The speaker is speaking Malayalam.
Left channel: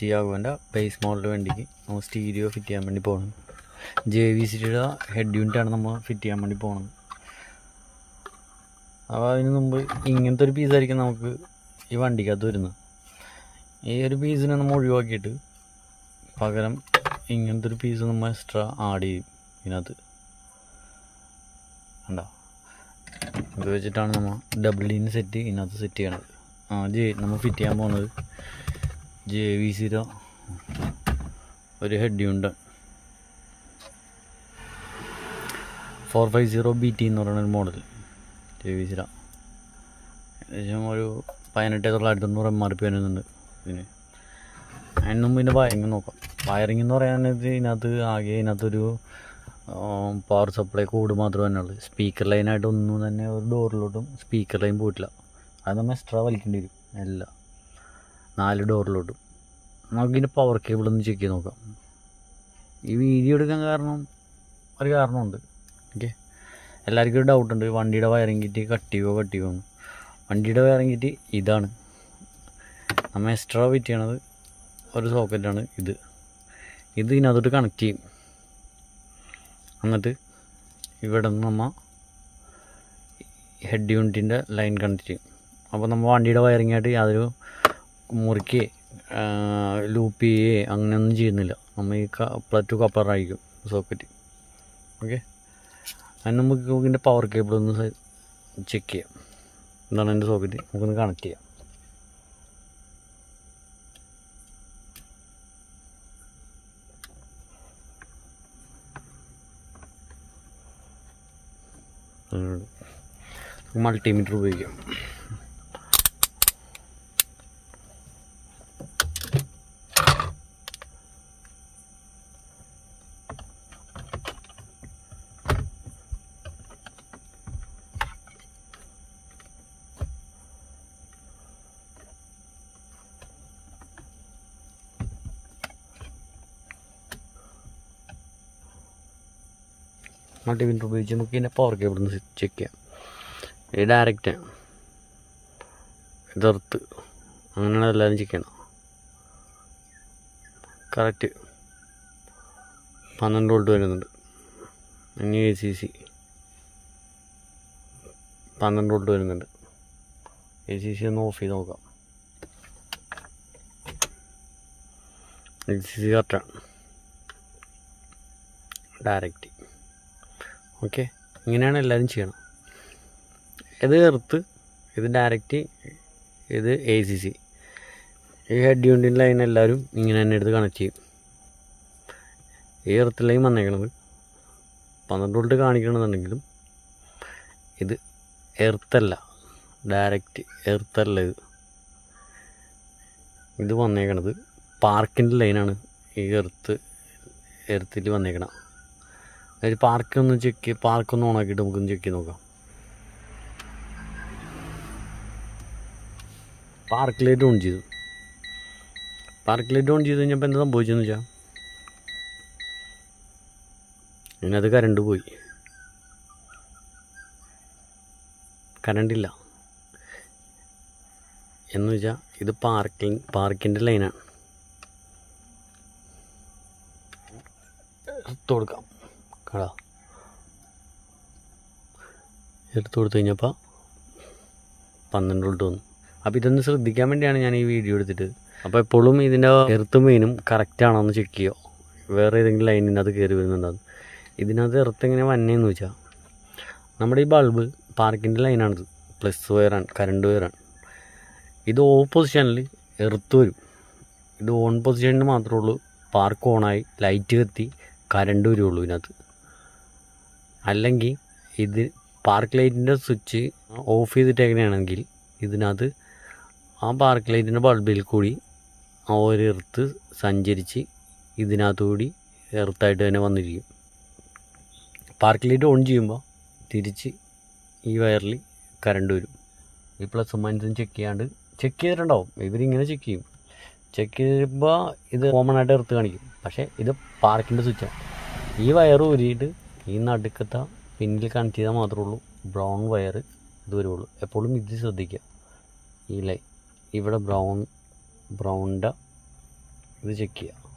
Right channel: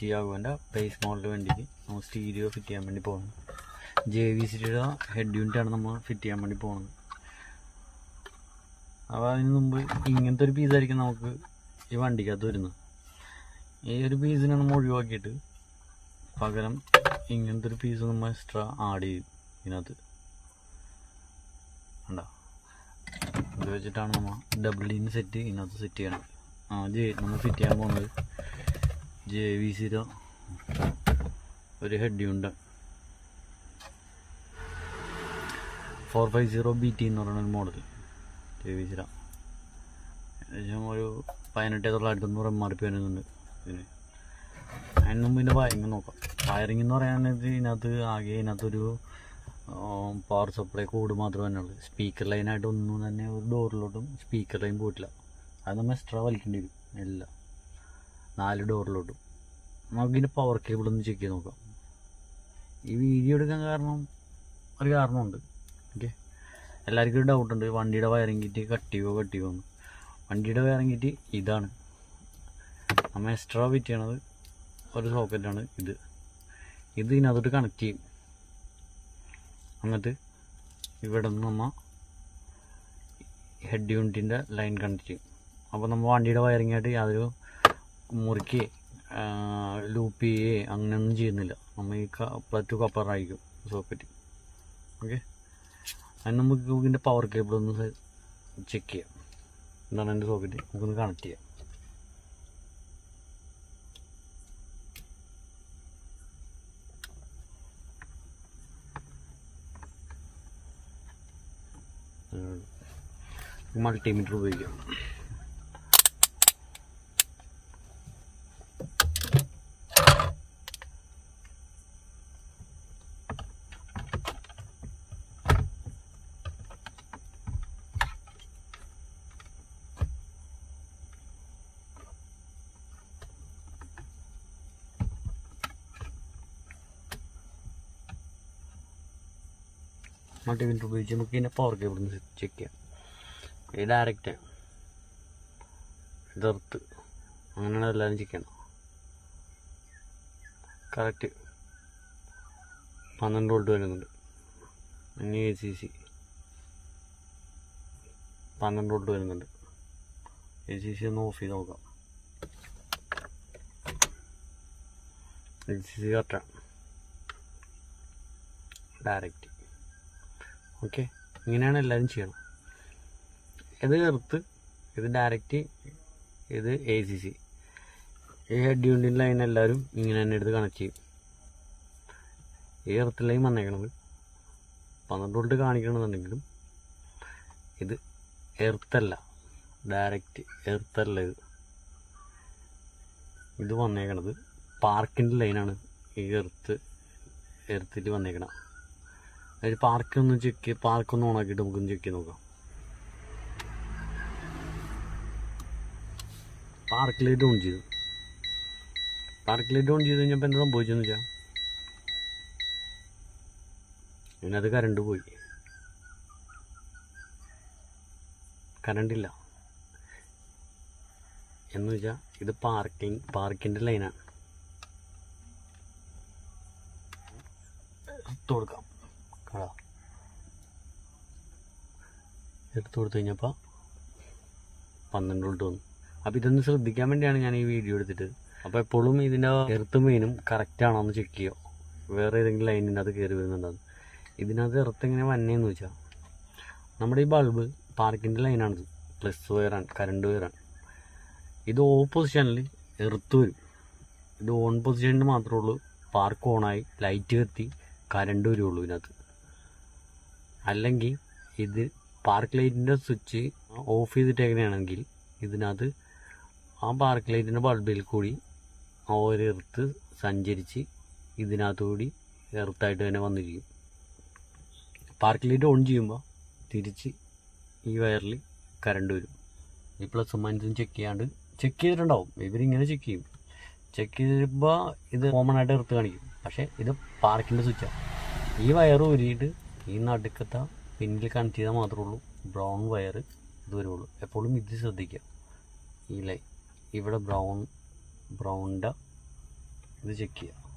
tiago ബേസ് മോഡൽ വണ്ടിക്ക് നമ്മൾ സ്റ്റീരിയോ ഫിറ്റ് ചെയ്യാൻ വേണ്ടി പോകണം. JVCയുടെ ഹെഡ് യൂണിറ്റാണ് നമ്മൾ ഫിറ്റ് ചെയ്യാൻ വേണ്ടി പോകുന്നത്. അപ്പോൾ അതിന് മുമ്പ് ഇങ്ങനത്തെ ഒരു പീസായിരിക്കും നമുക്ക് ഈ വണ്ടിക്കകത്ത് വരുന്നത്. ഈ ഒരു പീസിനെ നമ്മൾ ഒഴിവാക്കിയിട്ട് പകരം ഇങ്ങനത്തെ ഒരു പീസ് നമ്മൾ എക്സ്ട്രാ ആഡ് ചെയ്യും ഇതിനകത്ത്. കണ്ടോ, അത് വെച്ചിട്ടാണ് നമ്മൾ ഡബിൾ ഡീന് സെറ്റ് ഇതിനകത്ത് സെറ്റ് ചെയ്യണത്. നമ്മൾ ഫിറ്റ് ചെയ്യാൻ പോകുന്നത് JVCയുടെ ഒരു ഹെഡ് യൂണിറ്റ് 450BT എന്ന് പറയുന്നൊരു മോഡൽ JVCയുടെ. ഏകദേശം ഒരു 18,900 MRP വരുന്നുണ്ട് ഇതിന്. അതിന് മുമ്പ് ഇതിൻ്റെ വയറിങ് നോക്കാം. വയറിങ് എന്ന് പറയാനായിട്ട് ഇതിനകത്തൊരു പവർ സപ്ലൈ കോഡ് മാത്രമേ തന്നെ ഉള്ളൂ. സ്പീക്കർ ലൈനായിട്ട് ഒന്നും തന്നെ ഒരു ഡോറിലോട്ടും സ്പീക്കർ ലൈൻ പോയിട്ടില്ല. അത് നമ്മൾ എക്സ്ട്രാ വലിക്കേണ്ടി വരും എല്ലാം 4 ഡോറിലോട്ടും. നമുക്കിതിൻ്റെ പവർ കേബിൾ ഒന്ന് ചെക്ക് ചെയ്ത് നോക്കാം. ഈ വീഡിയോ എടുക്കാൻ ഒരു കാരണമുണ്ട്. ഓക്കെ, എല്ലാവർക്കും ഒരു ഡൗട്ടുണ്ട്, വണ്ടിയുടെ വയറിങ് കിറ്റ് കട്ട് ചെയ്യുമോ എന്ന്. വണ്ടിയുടെ വയറിങ് കിറ്റ് ഇതാണ്. നമ്മൾ എക്സ്ട്രാ ഫിറ്റ് ചെയ്യണത് ഒരു സോക്കറ്റാണ് ഇത് ഇതിനകത്തോട്ട് കണക്ട് ചെയ്യും. എന്നിട്ട് ഇവിടെ നിന്ന് നമ്മൾ ഹെഡ് യൂണിറ്റിൻ്റെ ലൈൻ കണക്ട് ചെയ്യും. അപ്പോൾ നമ്മൾ വണ്ടിയുടെ വയറിങ്ങായിട്ട് യാതൊരു മുറിക്കുകയോ ലൂപ്പ് ചെയ്യുകയോ അങ്ങനെയൊന്നും ചെയ്യുന്നില്ല. നമ്മൾ ഈ പ്ലസ് ടു കപ്പറായിരിക്കും സോക്കറ്റ്. ഓക്കെ, അതിന് നമുക്ക് ഇതിൻ്റെ പവർ കേബിൾ ഒന്ന് ചെക്ക് ചെയ്യാം. എന്താണ് എൻ്റെ സോക്കറ്റ്, നമുക്കൊന്ന് കണക്ട് ചെയ്യാം. മൾട്ടിമീറ്റർ ഉപയോഗിക്കാം. മൾട്ടിമീറ്റർ ഉപയോഗിച്ച് നമുക്ക് ഇതിൻ്റെ പവർ കേബിൾ ഒന്ന് ചെക്ക് ചെയ്യാം. ഇത് ഡയറക്റ്റ്, ഇതെർത്ത്, അങ്ങനെയാണ് എല്ലാവരും ചെക്ക് ചെയ്യണം. കറക്റ്റ് 12 വോൾട്ട് വരുന്നുണ്ട്. ഇനി ACC 12 വോൾട്ട് വരുന്നുണ്ട്. ACC ഒന്ന് ഓഫ് ചെയ്ത് നോക്കാം. ACC കറക്റ്റാണ്, ഡയറക്റ്റ്. ഓക്കെ, ഇങ്ങനെയാണ് എല്ലാവരും ചെയ്യണം. ഇത് എർത്ത്, ഇത് ഡയറക്റ്റ്, ഇത് ACC. ഈ ഹെഡ് യൂണിറ്റിൻ്റെ ലൈൻ എല്ലാവരും ഇങ്ങനെ തന്നെ എടുത്ത് കണക്ട് ചെയ്യും. ഈ എർത്ത് ലൈൻ വന്നേക്കണത് 12 വോൾട്ട് കാണിക്കണമെന്നുണ്ടെങ്കിലും ഇത് എർത്തല്ല, ഡയറക്റ്റ് എർത്തല്ല. ഇത് വന്നേക്കണത് പാർക്കിൻ്റെ ലൈനാണ്. ഈ എർത്തിൽ വന്നേക്കണം. അതായത് പാർക്കൊന്ന് ഓണാക്കിയിട്ട് നമുക്കൊന്ന് ചെക്ക് ചെയ്ത് നോക്കാം. പാർക്ക് ലൈറ്റ് ഓൺ ചെയ്തു കഴിഞ്ഞപ്പോൾ എന്താ സംഭവിച്ചതെന്ന് വെച്ചാൽ ഇതിനകത്ത് കറണ്ട് പോയി. കറണ്ടില്ല എന്ന് വെച്ചാൽ ഇത് പാർക്കിൻ്റെ ലൈനാണ്. എടുത്തു കൊടുക്കാം. എടുത്തു കൊടുത്തു കഴിഞ്ഞപ്പോൾ 12 വോൾട്ട് വന്നു. അപ്പോൾ ഇതൊന്ന് ശ്രദ്ധിക്കാൻ വേണ്ടിയാണ് ഞാൻ ഈ വീഡിയോ എടുത്തിട്ട്. അപ്പോൾ എപ്പോഴും ഇതിൻ്റെ എർത്ത് മെയിനും കറക്റ്റ് ആണോ എന്ന് ചെക്ക് ചെയ്യുക. വേറെ ഏതെങ്കിലും ലൈനിനകത്ത് കയറി വരുന്നുണ്ടാകും. ഇതിനകത്ത് എർത്ത് എങ്ങനെ വന്നേന്ന് വെച്ചാൽ നമ്മുടെ ഈ ബൾബ് പാർക്കിൻ്റെ ലൈനാണിത്. Plus വയറാണ്, current വയറാണ്. ഇത് ഓഫ് പൊസിഷനിൽ എർത്ത് വരും. ഇത് ഓൺ പൊസിഷനിൽ മാത്രമേ ഉള്ളൂ പാർക്ക് ഓണായി ലൈറ്റ് കത്തി കറണ്ട് വരുള്ളൂ ഇതിനകത്ത്. അല്ലെങ്കിൽ ഇത് പാർക്ക് ലൈറ്റിൻ്റെ സ്വിച്ച് ഓഫ് ചെയ്തിട്ടേക്കണെയാണെങ്കിൽ ഇതിനകത്ത് ആ പാർക്ക് ലൈറ്റിൻ്റെ ബൾബിൽ കൂടി ആ ഒരു എർത്ത് സഞ്ചരിച്ച് ഇതിനകത്തുകൂടി എർത്തായിട്ട് തന്നെ വന്നിരിക്കും. പാർക്ക് ലൈറ്റ് ഓൺ ചെയ്യുമ്പോൾ തിരിച്ച് ഈ വയറിൽ കറണ്ട് വരും. ഈ പ്ലസും മൈനസും ചെക്ക് ചെയ്തിട്ടുണ്ടാവും. ഇവരിങ്ങനെ ചെക്ക് ചെയ്യും. ചെക്ക് ചെയ്യുമ്പോൾ ഇത് കോമൺ ആയിട്ട് എർത്ത് കാണിക്കും. പക്ഷേ ഇത് പാർക്കിൻ്റെ സ്വിച്ചാണ്. ഈ വയർ ഊരിയിട്ട് ഈ നടുക്കത്തെ പിന്നിൽ കണക്ട് ചെയ്താൽ മാത്രമേ ഉള്ളൂ ബ്രൗൺ വയർ ഇത് വരുള്ളൂ. എപ്പോഴും ഇത് ശ്രദ്ധിക്കുക. ഈ ലൈൻ ഇവിടെ ബ്രൗണിൻ്റെ ഇത് ചെക്ക് ചെയ്യുക.